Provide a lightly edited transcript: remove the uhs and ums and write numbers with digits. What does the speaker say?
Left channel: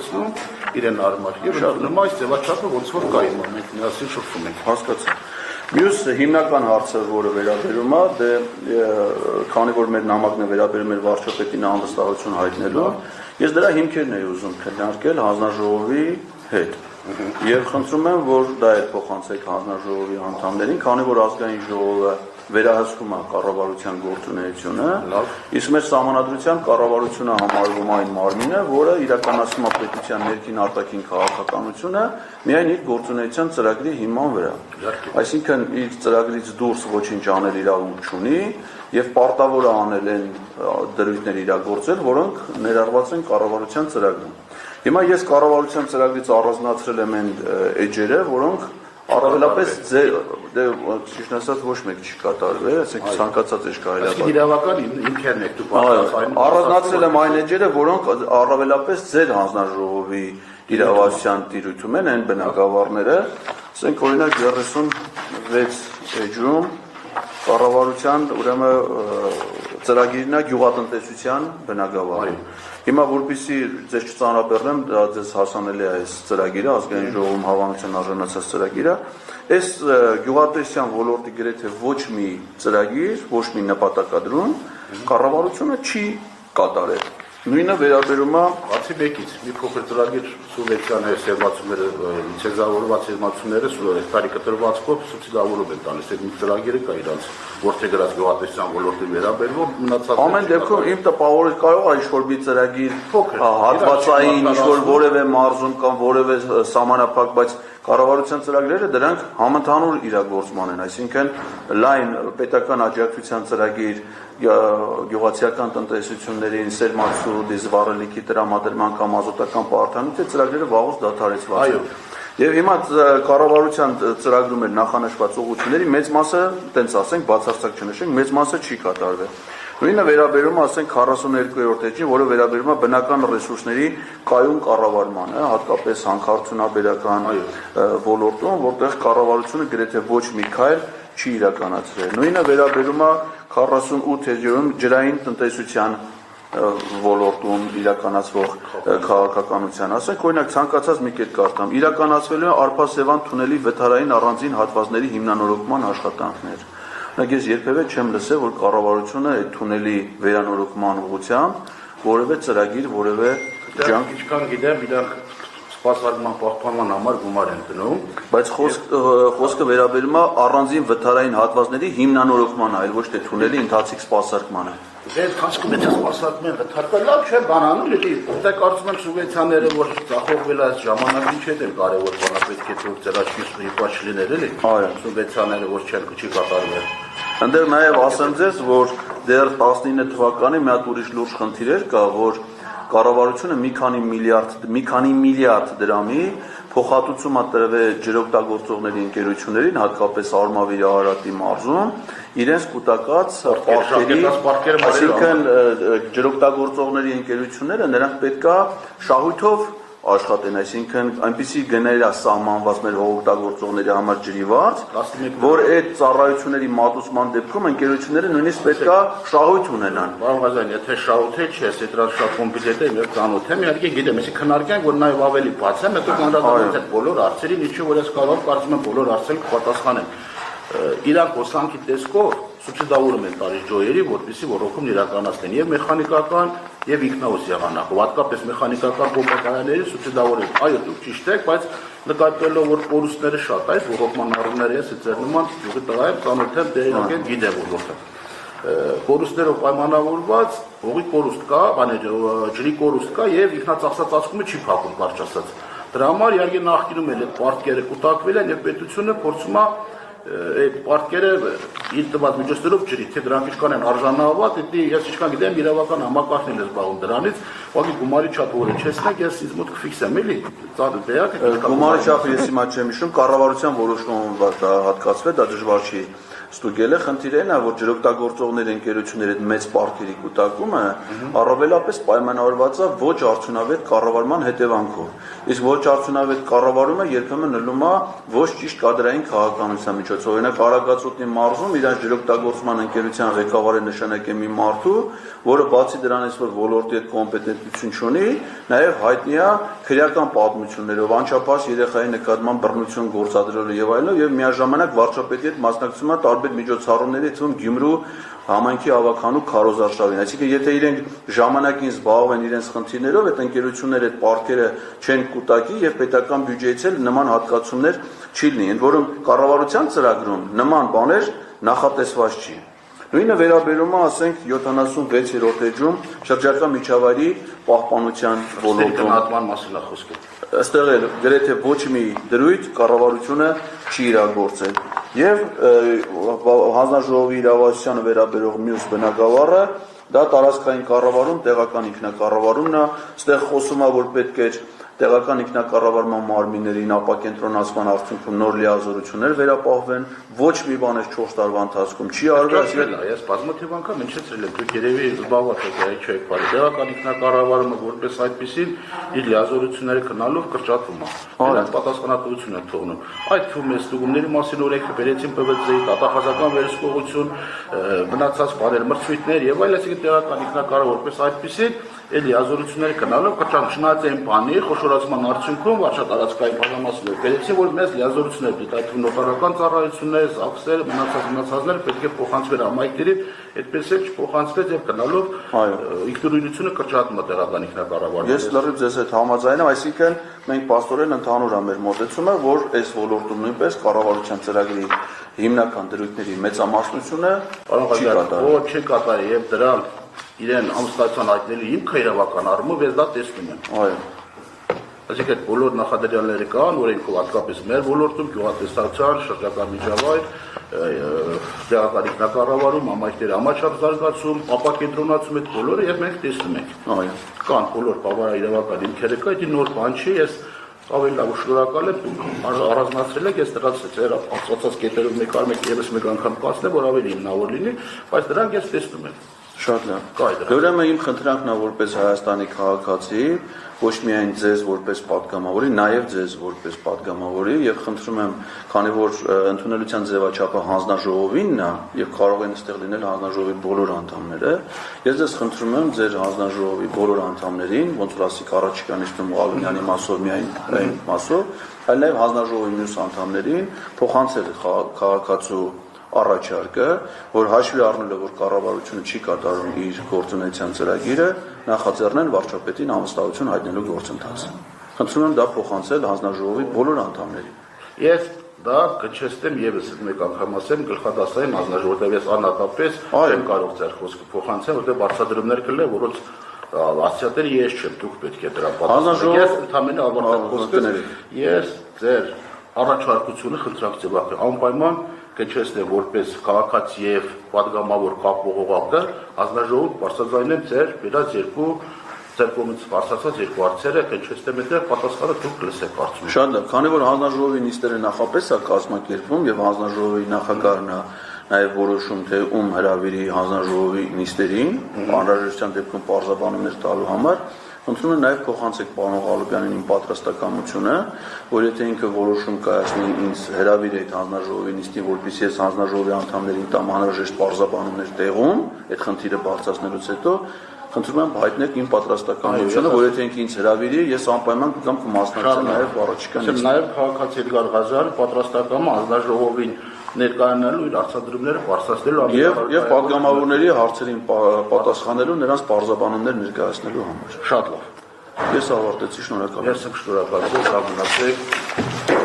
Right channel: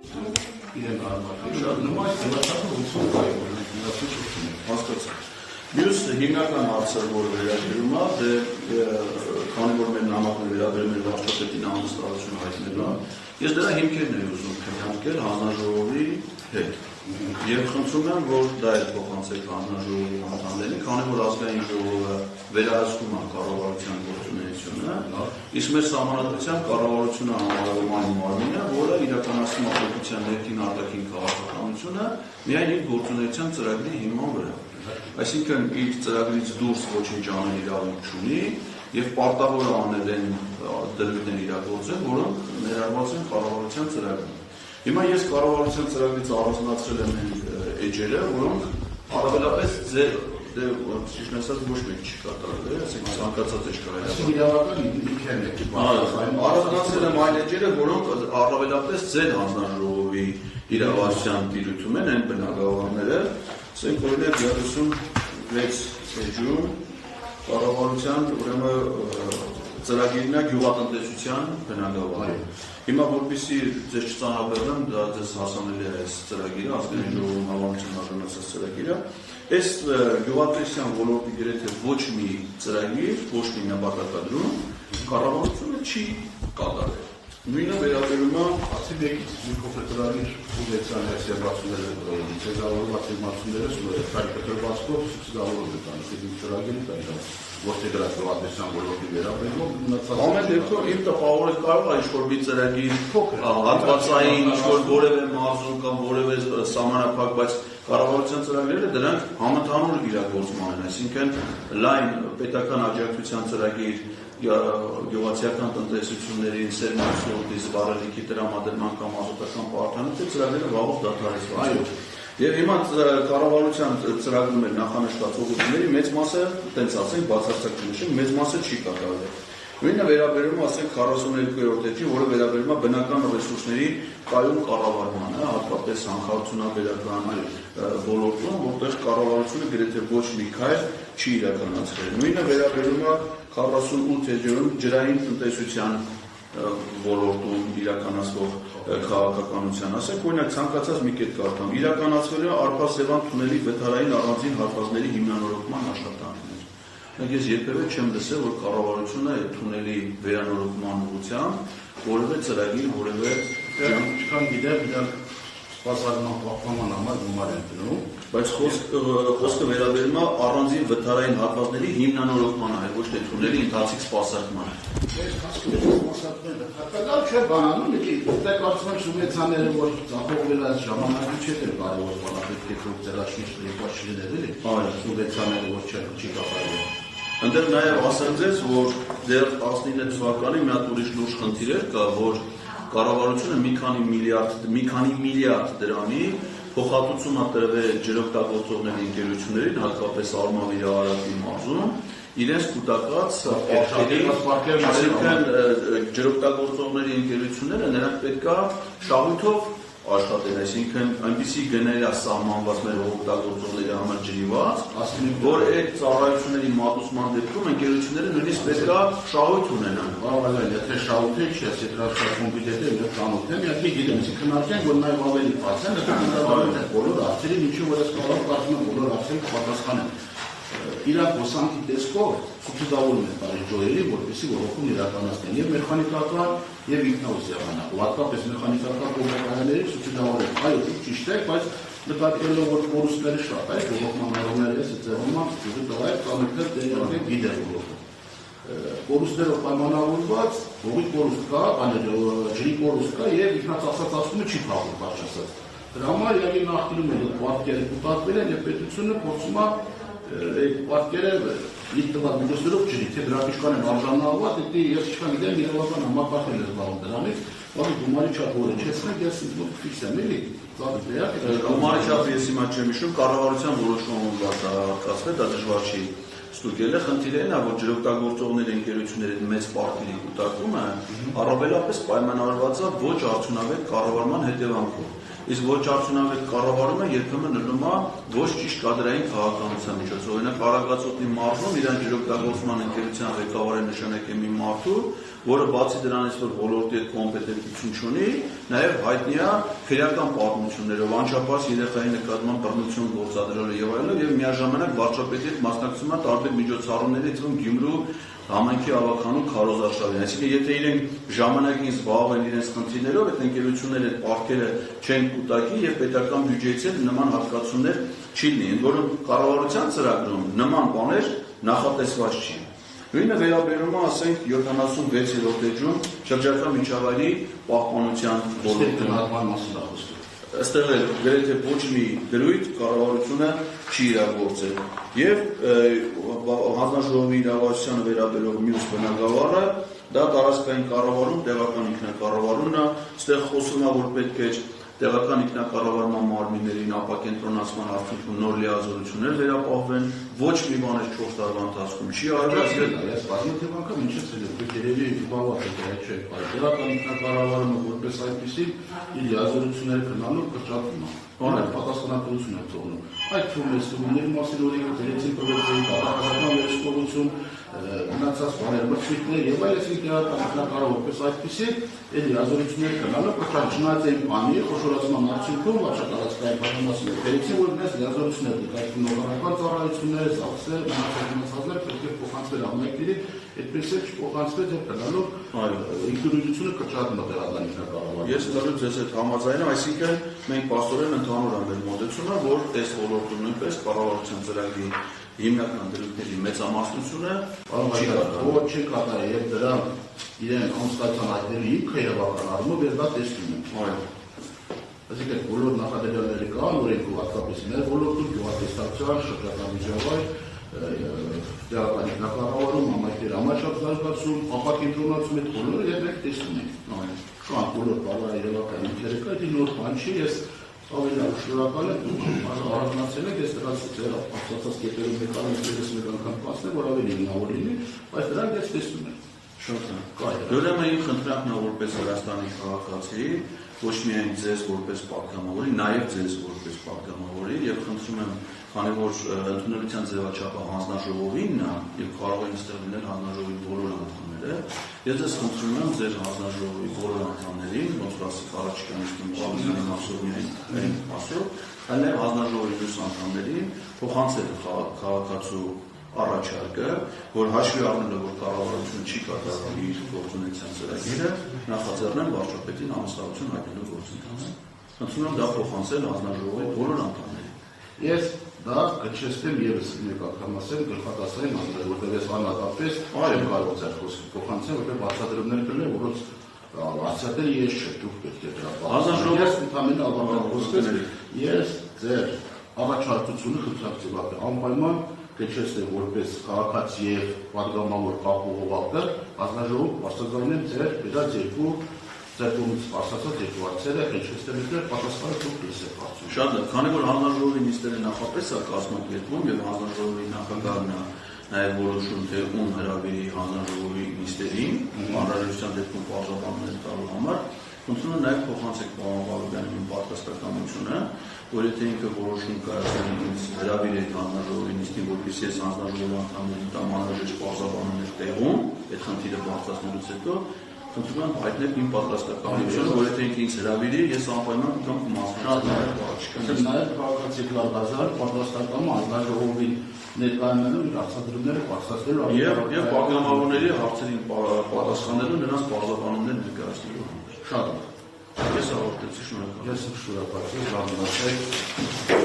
տեղեկացնում իրեն արմար եւ նման այս ձևաչափը ոնց որ կա հիմա մենք միասին շփվում ենք հասկացա Մյուս հիմնական հարցը, որը վերաբերում է, քանի որ մեր նամակն է վերաբերում մեր վարչապետին անվստահություն հայտնելու, ես դրա հիմքերն էի ուզում քննարկել հանձնաժողովի հետ։ Եվ խնդրում եմ, որ դա էլ փոխանցեք հանձնաժողովի անդամներին, քանի որ ազգային ժողովը վերահսկում է կառավարության գործունեությունը, իսկ մեր սահմանադրությամբ կառավարությունը համարվում է այն մարմինը, որը իրականացնում է պետության ներքին արտաքին քաղաքականությունը միայն իր գործունեության ծրագրի հիման վրա։ Այսինքն իր ծրագրից դուրս ոչինչ անել իրավունք չունի եւ պարտավոր է անել այն դրույթներ իրագործել, որոնք ներառված են կառավարության ծրագրում։ Հիմա ես կառավարության ծրագրից առանձնացրել եմ այն էջերը, որոնք առավելապես ճիշտ ասած ոչ մեկ չի կատարվել, ասենք ցանկացած է կարելի։ Իրավական ինքերն եք դու առանձնացրել եմ այն էջերը, որոնք առավելապես ձեր հանձնաժողովի իրավասության տիրույթում են, այն բնակավարները, ասենք օրինակ 36 էջում կառավարության ուրեմն ծրագիրն է գյուղատնտեսության բնակավար։ Հիմա որպեսզի ձեզ չծանրաբեռնեմ, դա ձեզ հասանելի է այս ծրագիրը, ազգային ժողովում հավանության արժանացած ծրագիրը, այս գյուղատնտեսության ոլորտի գրեթե ոչ մի ծրագիր, ոչ մի նպատակադրում կառավարությունը չի կատարել։ Նույնը վերաբերում է բացի մեկից մի փոքր ծրագիր սուբյեկտիաների սերմացումները, ցեզավորված սերմացումները այս տարի կտրվածքով սուբսիդավորում են տալիս։ Այդ ծրագիրը կա իրանց որտեղ գրած գյուղատնտեսության ոլորտի վերաբերող մնացած ամեն դեպքում իմ տպավորը կարող է ինչ-որ մի ծրագիր հատվածային ինչ-որ որևէ մարզում կամ որևէ սահմանափակ, բայց կառավարության ծրագրերը դրանք համընդհանուր իրագործման են, այսինքն լայն պետական աջակցության ծրագիր գյուղացիական տնտեսություններին սերմացու դիզվառելիքի տրամադրման կամ ազոտական պարտադրանքի ծրագրերը վաղուց դադարեցված են։ Եվ հիմա կառավարության ծրագրում էր նախանշված ուղղությունների մեծ մասը, տենց ասենք, բացարձակ չնշենք, մեծ մասը չի կատարվել։ Նույնը վերաբերում է, ասենք 42-րդ էջին, որը վերաբերում է բնական ռեսուրսների կայուն կառավարմանը, հատկապես հանքարդյունաբերական ոլորտում, որտեղ կառավարությունը գրեթե ոչ մի քայլ չի իրականացրել։ Նույնը վերաբերում է 48 էջերում ջրային տնտեսության ոլորտում իրականացվող քաղաքականության, ասենք օրինակ ցանկացած մի կետ կարդամ, իրականացվելու է Արփասևան թունելի վթարային առանձին հատվածների հիմնանորոգման աշխատանքներ։ Օրինակ ես երբևէ չեմ լսել, որ կառավարությունը այդ թունելի վերանորոգման ուղղությամբ որևէ ծրագիր, որևէ ջանք չկան գիտեմ, իրար սպասարկման պահպանման համար գումար են դնում, բայց խոսքը վերաբերում է առանձին վթարային հատվածների հիմնանորոգմանը, այլ ոչ թե թունելի ընթացիկ սպասարկմանը։ Այդ հասկում է սպասարկման վթարը լավ չէ բանանում, դե կարծում եմ սուբվենցիաները, որ ծախողվել այս ժամանակի չէ դեռ կարևոր բան, պետք է որ ծրագիրը եկած չլիներ էլի, սուբվենցիաները որ չի կատարվել։ Ընդդեմ նաև ասեմ ձեզ, որ դեռ 19 թվականին մի հատ ուրիշ լուրջ խնդիր էր կա, որ կառավարությունը մի քանի միլիարդ դրամի փոխհատուցում է տրվել ջրօգտագործողների ընկերություններին, հատկապես Արմավիրի Արարատի մարզում, իրենց կուտակած պարտքերի, այսինքն ջրօգտագործողների ընկերությունները նրանք պետք է շահույթով աշխատեն, այսինքն այնպիսի գներ է սահմանված մեր օգտագործողների համար ջրի վարձ, որ այդ ծառայությունների մատուցման դեպքում ընկերությունները նույնիսկ պետք է շահույթ ունենան։ Բավական, եթե շահույթ է, չէ, դրանց շահում բիլետ է, եւ ծանոթ եմ, իհարկե գիտեմ, այսինքն քննարկենք, որ նաեւ ավելի բաց է, հետո կանդադարենք այդ բոլոր հարցերին, ինչու որ ես կարող կարծում եմ բոլոր հարցերին կպատասխանեն։ Իրաք ոսանքի տեսքով սուբսիդավորում են տալիս ջոյերի, որպեսզի ռոռոկումն իրականացնեն եւ մեխանիկական եւ ինքնաուս եղանակով, հատկապես մեխանիկական կոմպոներների սուբսիդավորել։ Այո, դուք ճիշտ եք, բայց նկատելով որ կորուստները շատ է, ռոռոկման առումները ես ծերնուման ծուղի տղա է, ծանոթ է դերակեն գիտեմ որովհետեւ կորուստներով պայմանավորված հողի կորուստ կա, ջրի կորուստ կա եւ ինքնածախսածածկումը չի փոխում բարձ ասած։ Դրա համար իհարկե նախկինում էլ այդ պարտքերը կուտակվել են եւ պետությունը փորձում է այդ պարտքերը իր տված միջոցներով ջրի, թե դրանք ինչքան են արժանավորված, դա ես չկա գիտեմ իրավական համակարգն է զբաղվում դրանից, ուղղակի գումարի չափը որը չեսնեք, ես ինձ մոտ կֆիքսեմ էլի, գումարի չափը ես հիմա չեմ հիշում, կառավարության որոշումով դա հատկացվել, դա դժվար չի ստուգել է, խնդիրը նա, որ ջրօգտագործողների ընկերությունների հետ մեծ պարտքերի կուտակումը առավելապես պայմանավորված է ոչ արդյունավետ կառավարման հետևանքով։ Իսկ ոչ արդյունավետ կառավարումը երբեմն լնում է ոչ ճիշտ կադրային քաղաքականության միջոցով։ Օրինակ Արագածոտնի մարզում իրան ջրօգտագործման ընկերության ղեկավարը նշանակել մի մարդու, որը բացի դրանից, որ ոլորտի հետ կոմպետենտություն չունի, նաև հայտնի է քրեական պատմություններով, անչափահաս երեխայի նկատմամբ բռնություն գործադրելու եւ այլն, եւ միաժամանակ վարչապետի հետ մասնակցում է տարբեր միջոցառումների, թվում Գյումրու համայնքի ավականու քարոզարշավին։ Այսինքն, եթե իրենք ժամանակին զբաղվեն իրենց խնդիրներով, այդ ընկերությունները այդ պարտքերը չեն կուտակի եւ պետական բյուջեից էլ նման հատկացումներ չի լինի, ընդ որում կառավարության ծրագրում նման բաներ նախատեսված չի։ Նույնը վերաբերում է, ասենք, 76-րդ էջում շրջակա միջավայրի պահպանության ոլորտում։ Այստեղ էլ գրեթե ոչ մի դրույթ կառավարությունը չի իրագործել։ Եվ հանձնաժողովի իրավասությանը վերաբերող մյուս բնագավառը դա տարածքային կառավարում, տեղական ինքնակառավարումն է, այստեղ խոսում է, որ պետք է տեղական ինքնակառավարման մարմիններին ապակենտրոնացման արդյունքում նոր լիազորություններ վերապահվեն, ոչ մի բան 4 տարվա ընթացքում չի արվեցել։ Ես բազմաթիվ անգամ ինչեցրել եմ, դուք երևի զբաղված եք չեք բարի։ Տեղական ինքնակառավարումը որպես այդպիսի իր լիազորությունները քննալով կրճատվում է։ Նրանք պատասխանատվություն են թողնում։ Այդ թվում է ստուգումների մասին օրենքը բերեցին ՊՎԾ-ի, դատախազական վերահսկողություն, մնացած բարեր մրցույթներ եւ այլ, այսինքն տեղական ինքնակառավարումը որպես այդպիսի լիազորությունները քննալով կրճատված են բանի խոշորացման արդյունքում վարչատարածքային բաժանմասները բերեցին, որ մեծ լիազորություններ դիտարկվում նոտարական ծառայություններ, ԶԱԳՍ-եր, մնացածները պետք է փոխանցվեն համայնքներին, այդպես էլ չփոխանցվեց եւ գնալով ինքնուրույնությունը կրճատում է տեղական ինքնակառավարումը։ Ես լրիվ ձեզ հետ համաձայն եմ, այսինքն մենք պաստորեն ընդհանուր է մեր մոտեցումը, որ այս ոլորտում նույնպես կառավարության ծրագրի հիմնական դրույթների մեծամասնությունը ոչ չեն կատարել եւ դրան իրեն ամստացան հայտնելու հիմքը իրավական առումով ես դա տեսնում եմ։ Այո։ Այսինքն բոլոր նախադրյալները կան, օրենքով հատկապես մեր ոլորտում գյուղատնտեսական, շրջակա միջավայր, տեղական ինքնակառավարում, համայնքների համաչափ զարգացում, ապակենտրոնացում այդ բոլորը եւ մենք տեսնում ենք։ Այո։ Կան բոլոր բավարար իրավական հիմքերը կա, դա նոր բան չի, ես ավելի լավ շնորհակալ եմ առանձնացրել եք, ես դրանց ձեր ասացած կետերով մեկ անգամ կասնեմ, որ ավելի հիմնավոր լինի, բայց դրանք ես տեսնում եմ։ Շատ լավ։ Ուրեմն իմ խնդրանքն է որպես Հայաստանի քաղաքացի, ոչ միայն ձեզ որպես պատգամավորի, նաև ձեզ որպես պատգամավորի եւ խնդրում եմ, քանի որ ընդունելության ձևաչափը հանձնաժողովինն է եւ կարող են այստեղ լինել հանձնաժողովի բոլոր անդամները, ես ձեզ խնդրում եմ ձեր հանձնաժողովի բոլոր անդամներին, ոնց որ ասիկ առաջիկա նիստում Ալունյանի մասով միայն այն մասով, այլ նաև հանձնաժողովի մյուս անդամներին փոխանցել քաղաքացու առաջարկը, որ հաշվի առնելով, որ կառավարությունը չի կատարում իր գործունեության ծրագիրը, նախաձեռնել վարչապետին ամստահություն հայտնելու գործընթացը։ Խնդրում եմ դա փոխանցել հանձնաժողովի բոլոր անդամներին։ Ես դա կչեստեմ եւս մեկ անգամ ասեմ գլխատասային հանձնաժողովի, որտեղ ես անհատապես չեմ կարող ձեր խոսքը փոխանցել, որտեղ բացատրումներ կլինեն, որոնց ասյատերը ես չեմ, դուք պետք է դրա պատասխան։ Ես ընդհանրապես ավարտեմ խոսքս, ես ձեր առաջարկությունը խնդրանք ձևակերպել անպայման կչեստեմ որպես քաղաքացի եւ պատգամավոր կապողողակը հանձնաժողով բարձրացնեմ ձեր վերած ձեր կողմից ասացած երկու հարցերը կչեստեմ այդտեղ պատասխանը դուք լսեք հարցում։ Շատ լավ, քանի որ հանձնաժողովի նիստերը նախապես է կազմակերպվում եւ հանձնաժողովի նախագահն է նաև որոշում թե ում հրավիրի հանձնաժողովի նիստերին, անհրաժեշտության դեպքում պարզաբանումներ տալու համար, խնդրում եմ նաև փոխանցեք պարոն Ղալոպյանին իմ պատրաստակամությունը, որ եթե ինքը որոշում կայացնի ինձ հրավիրի այդ հանձնաժողովի նիստին, որպեսզի ես հանձնաժողովի անդամներին տամ անհրաժեշտ պարզաբանումներ տեղում, այդ խնդիրը բարձրացնելուց հետո խնդրում եմ հայտնեք իմ պատրաստակամությունը, որ եթե ինձ հրավիրի, ես անպայման կգամ կմասնակցեմ նաև առաջիկա նիստին։ Նաև քաղաքացի Էդգար Ղազարյանը պատրաստակամ հանձնաժողովին ներկայանալու իր հարցադրումները բարձրացնելու եւ պատգամավորների հարցերին պատասխանելու նրանց պարզաբանումներ ներկայացնելու համար։ Շատ լավ։ Ես ավարտեցի, շնորհակալ եմ։ Ես շնորհակալ եմ, ժամանակ